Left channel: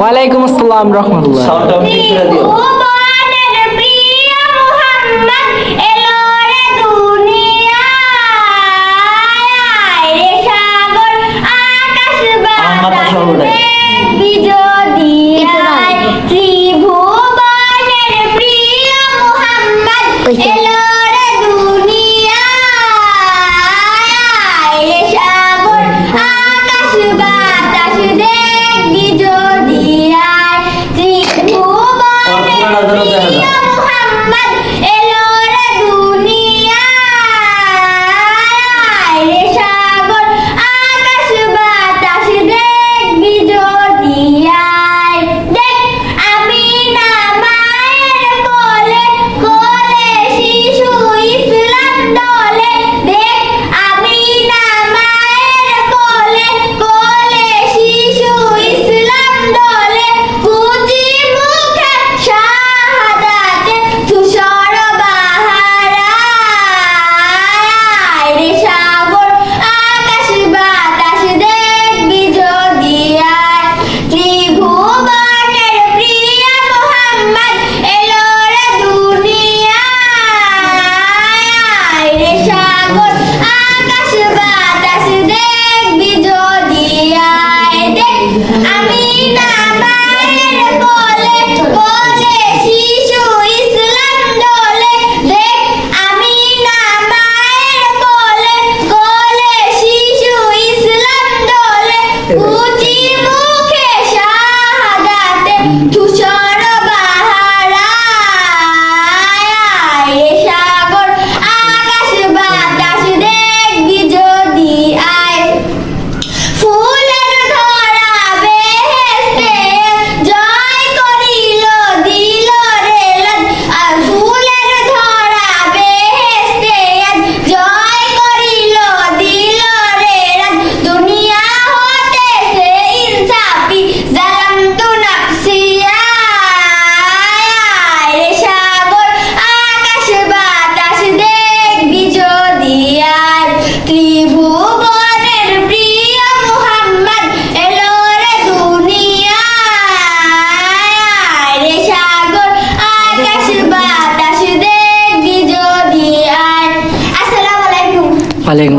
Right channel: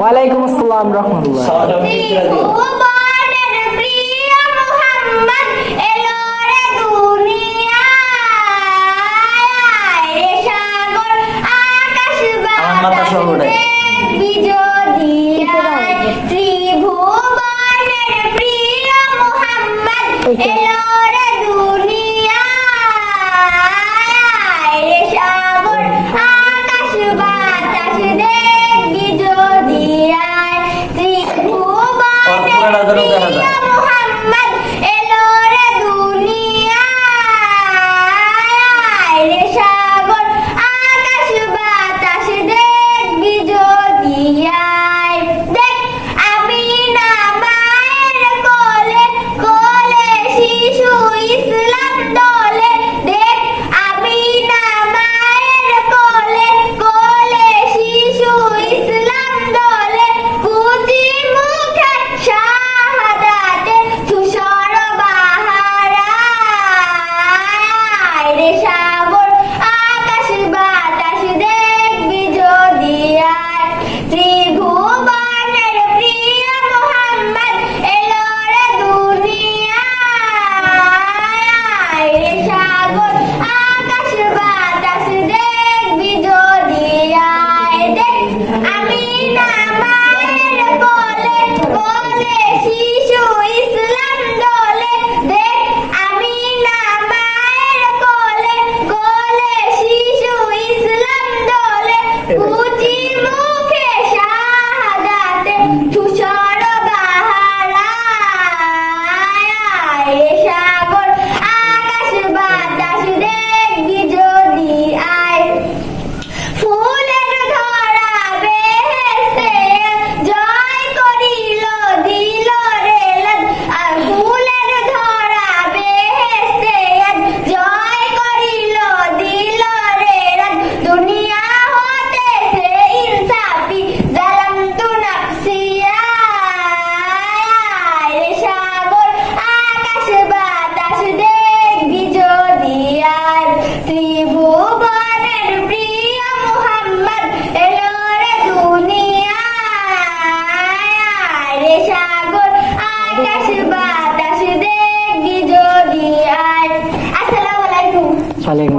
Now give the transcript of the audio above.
ওয়ালাইকুম আসসালাম রাহমাতুল্লাহ। সাউন্ডটা ঠিক করে দিও। ভুবনের প্রিয় মুহাম্মদ এলো রে দুনিয়ায়, রে সাগর আকাশ বাতাস দেখবি যদি আয়। ত্রিভুবনের প্রিয় মুহাম্মদ এলো রে দুনিয়ায়, রে সাগর আকাশ বাতাস দেখবি যদি আয়। ত্রিভুবনের প্রিয় মুহাম্মদ এলো রে দুনিয়ায়, রে সাগর আকাশ বাতাস দেখবি যদি আয়। দেখ আমিনা মায়ের কোলে, কোলে শিশু ইসলাম দোলে। দেখ আমিনা মায়ের কোলে, কোলে শিশু ইসলাম দোলে। কুচি মুখে শাহাদাতে ধূসর বাহারায়, রে সাগর আকাশ বাতাস দেখবি যদি আয়। ত্রিভুবনের প্রিয় মুহাম্মদ এলো রে দুনিয়ায়, রে সাগর আকাশ বাতাস দেখবি যদি আয়। দেখ আমিনা মায়ের কোলে, কোলে শিশু ইসলাম দোলে। দেখ আমিনা মায়ের কোলে, কোলে শিশু ইসলাম দোলে। কুচি মুখে শাহাদাতে ধূসর বাহারায়, রে সাগর আকাশ বাতাস দেখবি যদি আয়। ফুলের ধরা বেহেশতে জয় করিল দিল রে লাজ। আর ফুলের ধরা বেহেশতে জয় করিল দিল রে লাজ। দুনিয়া হতে সে ইনসাফি জালামতু নাফসি আয়, রে সাগর আকাশ বাতাস দেখবি যদি আয়। ত্রিভুবনের প্রিয় মুহাম্মদ এলো রে দুনিয়ায়, রে সাগর আকাশ বাতাস দেখবি যদি আয়। আসসালামু আলাইকুম। ওয়ালাইকুম